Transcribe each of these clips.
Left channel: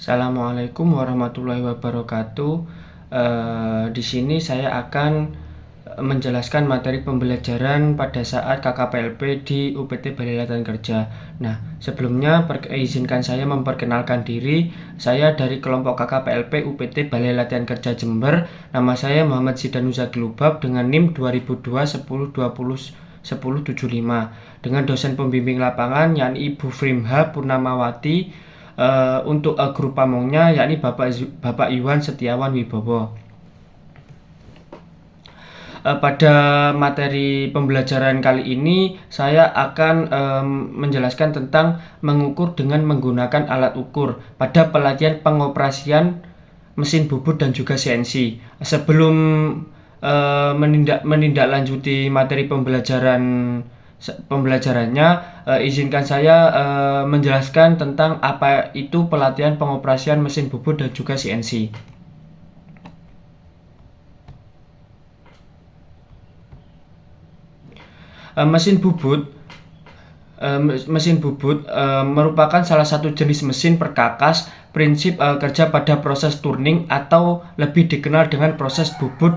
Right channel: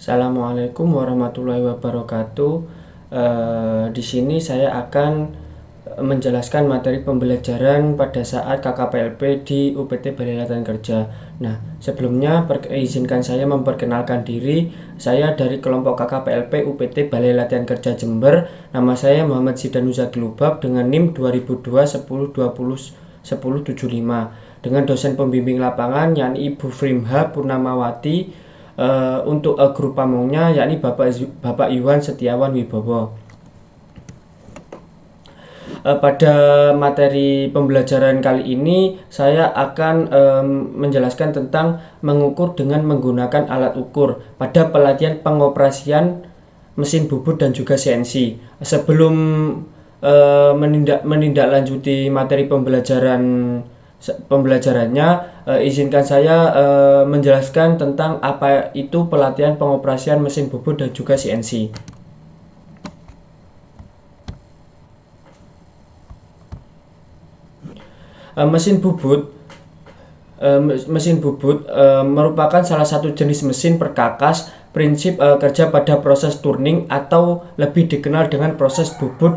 Assalamualaikum warahmatullahi wabarakatuh. Di sini saya akan menjelaskan materi pembelajaran pada saat KKPLP di UPT Balai Latihan Kerja. Nah, sebelumnya izinkan saya memperkenalkan diri. Saya dari kelompok KKPLP UPT Balai Latihan Kerja Jember. Nama saya Muhammad Zidanuza Glubab dengan NIM 2002 10 20 10 75 dengan dosen pembimbing lapangan yakni Ibu Frimha Purnamawati. Untuk grup pamongnya yakni Bapak Iwan Setiawan Wibowo. Pada materi pembelajaran kali ini saya akan menjelaskan tentang mengukur dengan menggunakan alat ukur pada pelatihan pengoperasian mesin bubut dan juga CNC. Sebelum menindaklanjuti materi pembelajarannya, izinkan saya menjelaskan tentang apa itu pelatihan pengoperasian mesin bubut dan juga CNC. Mesin bubut merupakan salah satu jenis mesin perkakas. Prinsip kerja pada proses turning atau lebih dikenal dengan proses bubut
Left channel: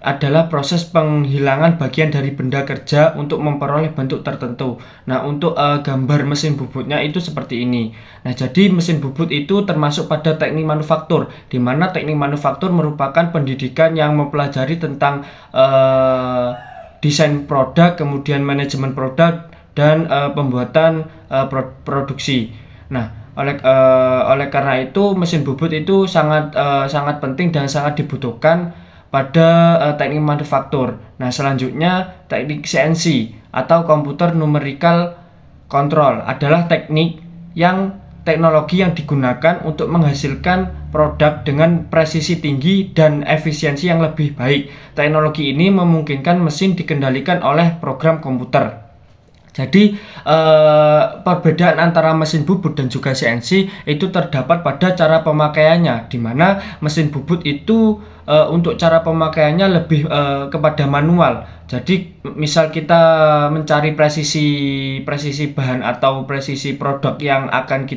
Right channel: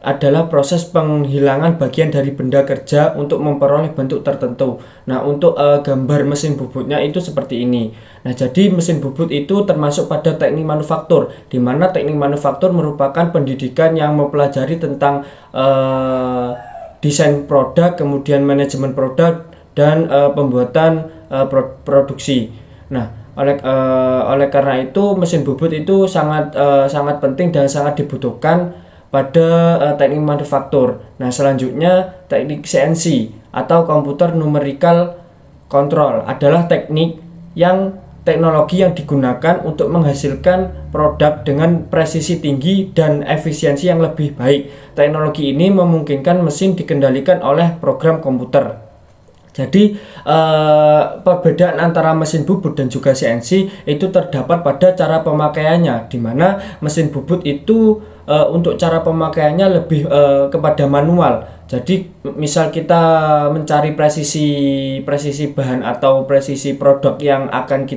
adalah proses penghilangan bagian dari benda kerja untuk memperoleh bentuk tertentu. Nah, untuk gambar mesin bubutnya itu seperti ini. Nah, jadi mesin bubut itu termasuk pada teknik manufaktur, di mana teknik manufaktur merupakan pendidikan yang mempelajari tentang desain produk, kemudian manajemen produk, dan pembuatan produksi. Nah, oleh karena itu mesin bubut itu sangat penting dan sangat dibutuhkan pada teknik manufaktur. Nah, selanjutnya teknik CNC atau Computer Numerical Control adalah teknologi yang digunakan untuk menghasilkan produk dengan presisi tinggi dan efisiensi yang lebih baik. Teknologi ini memungkinkan mesin dikendalikan oleh program komputer. Jadi perbedaan antara mesin bubut dan juga CNC itu terdapat pada cara pemakaiannya, di mana mesin bubut itu untuk cara pemakaiannya lebih kepada manual. Jadi misal kita mencari presisi bahan atau presisi produk yang akan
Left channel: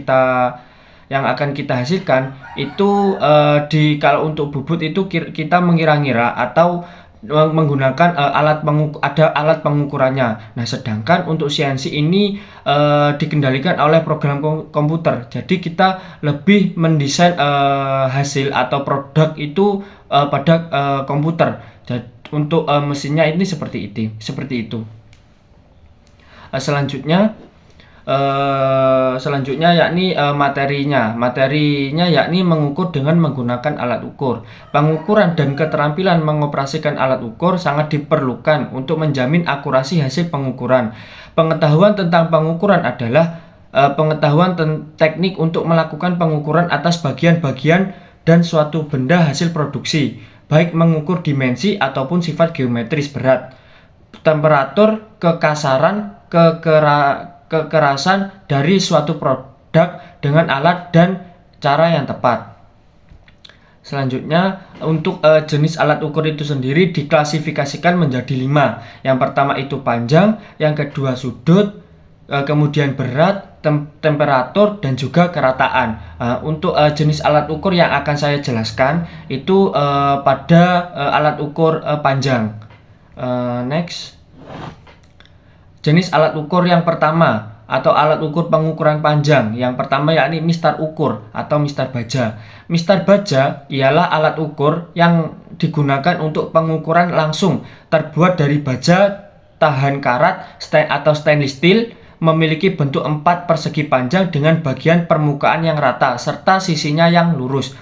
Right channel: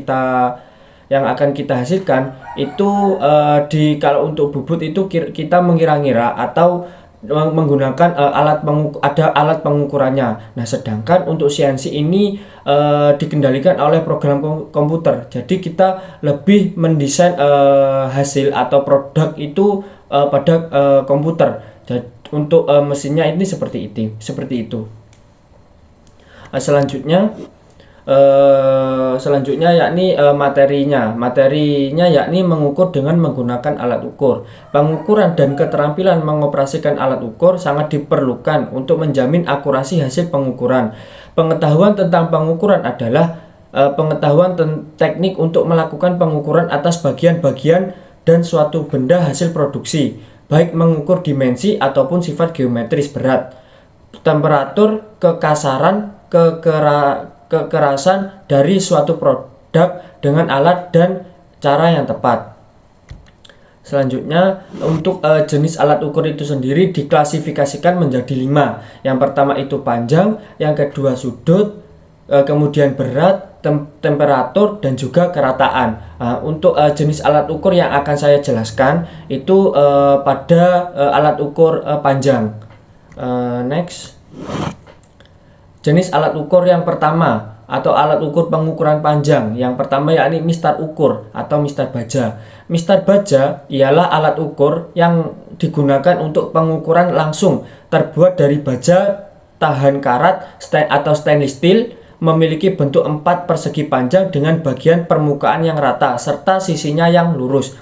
kita hasilkan itu kalau untuk bubut itu kita mengira-ngira atau menggunakan alat pengukurannya. Nah, sedangkan untuk CNC ini dikendalikan oleh program komputer. Jadi kita lebih mendesain hasil atau produk itu pada komputer. Jadi untuk mesinnya ini seperti itu. Selanjutnya yakni materinya yakni mengukur dengan menggunakan alat ukur. Pengukuran dan keterampilan mengoperasikan alat ukur sangat diperlukan untuk menjamin akurasi hasil pengukuran. Pengetahuan tentang pengukuran adalah pengetahuan teknik untuk melakukan pengukuran atas bagian-bagian dan suatu benda hasil produksi, baik mengukur dimensi ataupun sifat geometris berat, temperatur, kekasaran, kekerasan dari suatu produk dengan alat dan cara yang tepat. Selanjutnya untuk jenis alat ukur itu sendiri diklasifikasikan menjadi 5. Yang pertama itu panjang, yang kedua sudut, kemudian berat, temperatur, dan juga kerataan. Untuk jenis alat ukur yang akan saya jelaskan itu pada alat ukur panjang. Next. Jenis alat ukur yang pertama atau alat ukur pengukuran panjang yang pertama yakni mistar ukur atau mistar baja. Mistar baja ialah alat ukur yang digunakan untuk pengukuran langsung, terbuat dari baja tahan karat atau stainless steel, memiliki bentuk 4 persegi panjang dengan bagian permukaan yang rata serta sisinya yang lurus.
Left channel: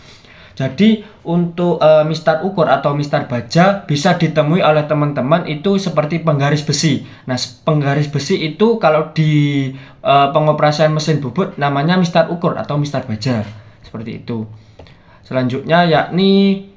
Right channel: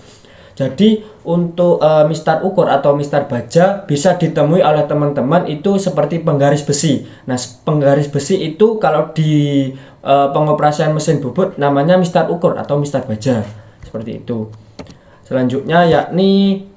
Jadi untuk mistar ukur atau mistar baja bisa ditemui oleh teman-teman itu seperti penggaris besi. Nah, penggaris besi itu kalau di pengoperasian mesin bubut namanya mistar ukur atau mistar baja. Seperti itu. Selanjutnya yakni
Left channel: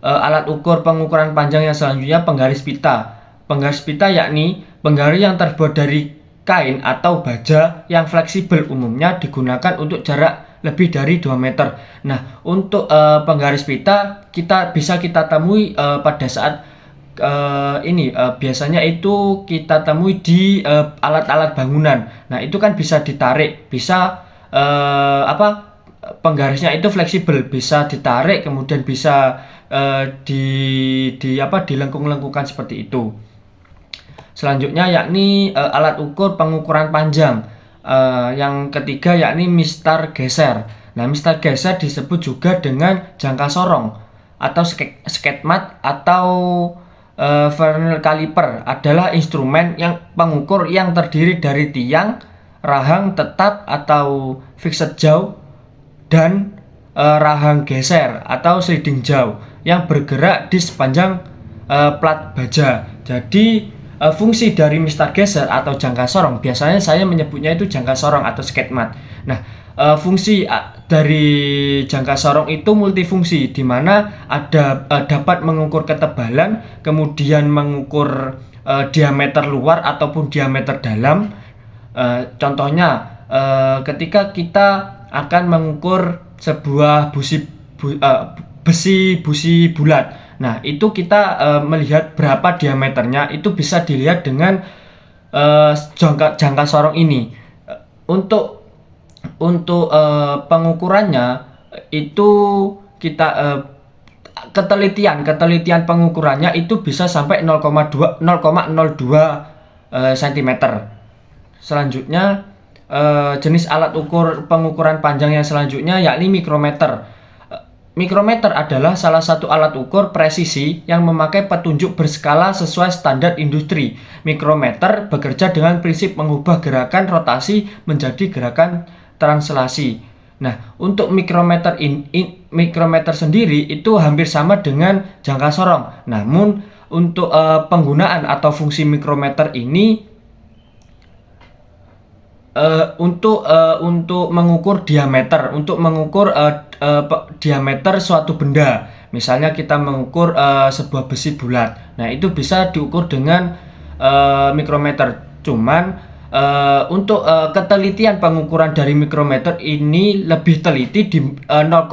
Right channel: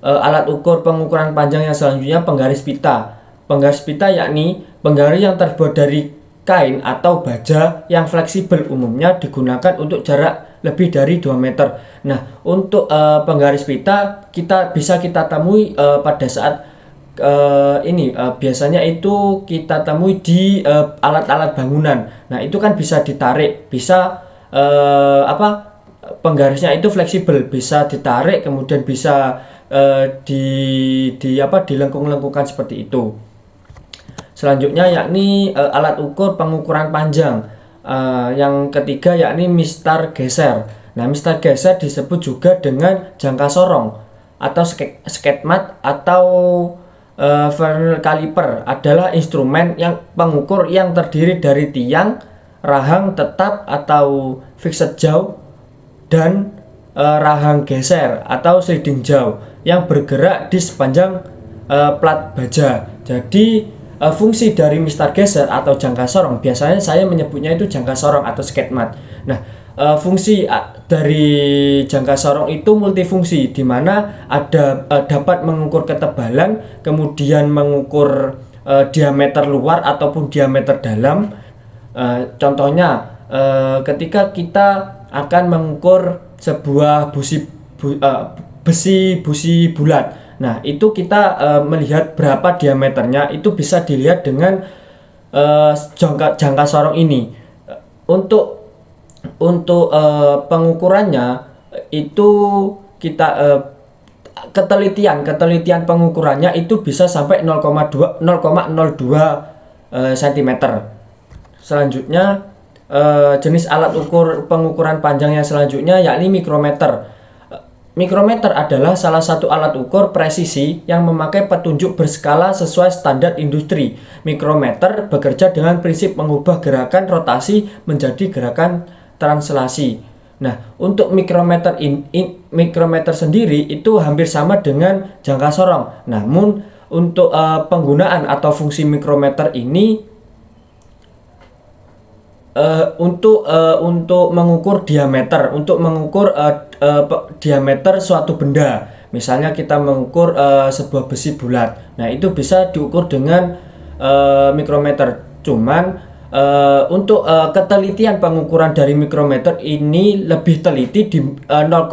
alat ukur pengukuran panjang yang selanjutnya penggaris pita. Penggaris pita yakni penggaris yang terbuat dari kain atau baja yang fleksibel, umumnya digunakan untuk jarak lebih dari 2 meter. Nah, untuk penggaris pita bisa kita temui pada saat biasanya itu kita temui di alat-alat bangunan. Nah, itu kan bisa ditarik, bisa penggarisnya itu fleksibel, bisa ditarik kemudian bisa dilengkung-lengkungkan seperti itu. Selanjutnya yakni alat ukur pengukuran panjang. Yang ketiga yakni mistar geser. Nah, mistar geser disebut juga dengan jangka sorong atau sketmat atau Vernal caliper adalah instrumen yang pengukur yang terdiri dari tiang, rahang tetap atau fixed jaw dan rahang geser atau sliding jaw yang bergerak di sepanjang plat baja. Jadi fungsi dari mistar geser atau jangka sorong, biasanya saya menyebutnya itu jangka sorong atau sketmat. Nah, fungsi dari jangka sorong itu multifungsi, di mana ada dapat mengukur ketebalan, kemudian mengukur diameter luar ataupun diameter dalam. Contohnya ketika kita akan mengukur sebuah besi busi bulat. Nah, itu kita melihat berapa diameternya, itu bisa dilihat dengan jangka sorong ini. Untuk pengukurannya itu kita ketelitian pengukurannya itu bisa sampai 0,02 cm. Selanjutnya jenis alat ukur pengukuran panjang yang selanjutnya yakni mikrometer. Mikrometer adalah salah satu alat ukur presisi yang memakai petunjuk berskala sesuai standar industri. Mikrometer bekerja dengan prinsip mengubah gerakan rotasi menjadi gerakan translasi. Nah, untuk mikrometer sendiri itu hampir sama dengan jangka sorong. Namun untuk penggunaan atau fungsi mikrometer ini untuk mengukur diameter, diameter suatu benda. Misalnya kita mengukur sebuah besi bulat. Nah, itu bisa diukur dengan mikrometer. Cuman untuk ketelitian pengukuran dari mikrometer ini lebih teliti di 0,01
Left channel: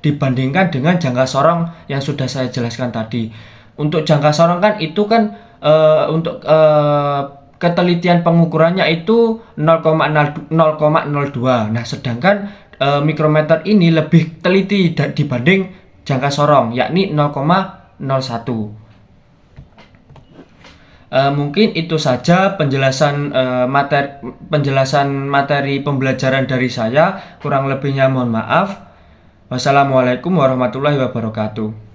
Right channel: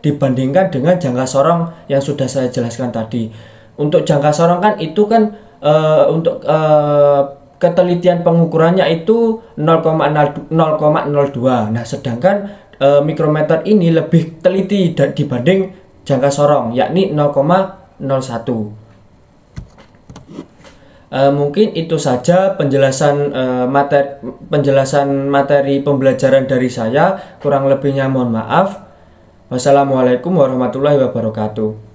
dibandingkan dengan jangka sorong yang sudah saya jelaskan tadi. Untuk jangka sorong kan itu kan untuk ketelitian pengukurannya itu 0,02. Nah, sedangkan mikrometer ini lebih teliti dibanding jangka sorong, yakni 0,01. Mungkin itu saja penjelasan materi pembelajaran dari saya. Kurang lebihnya mohon maaf. Wassalamualaikum warahmatullahi wabarakatuh.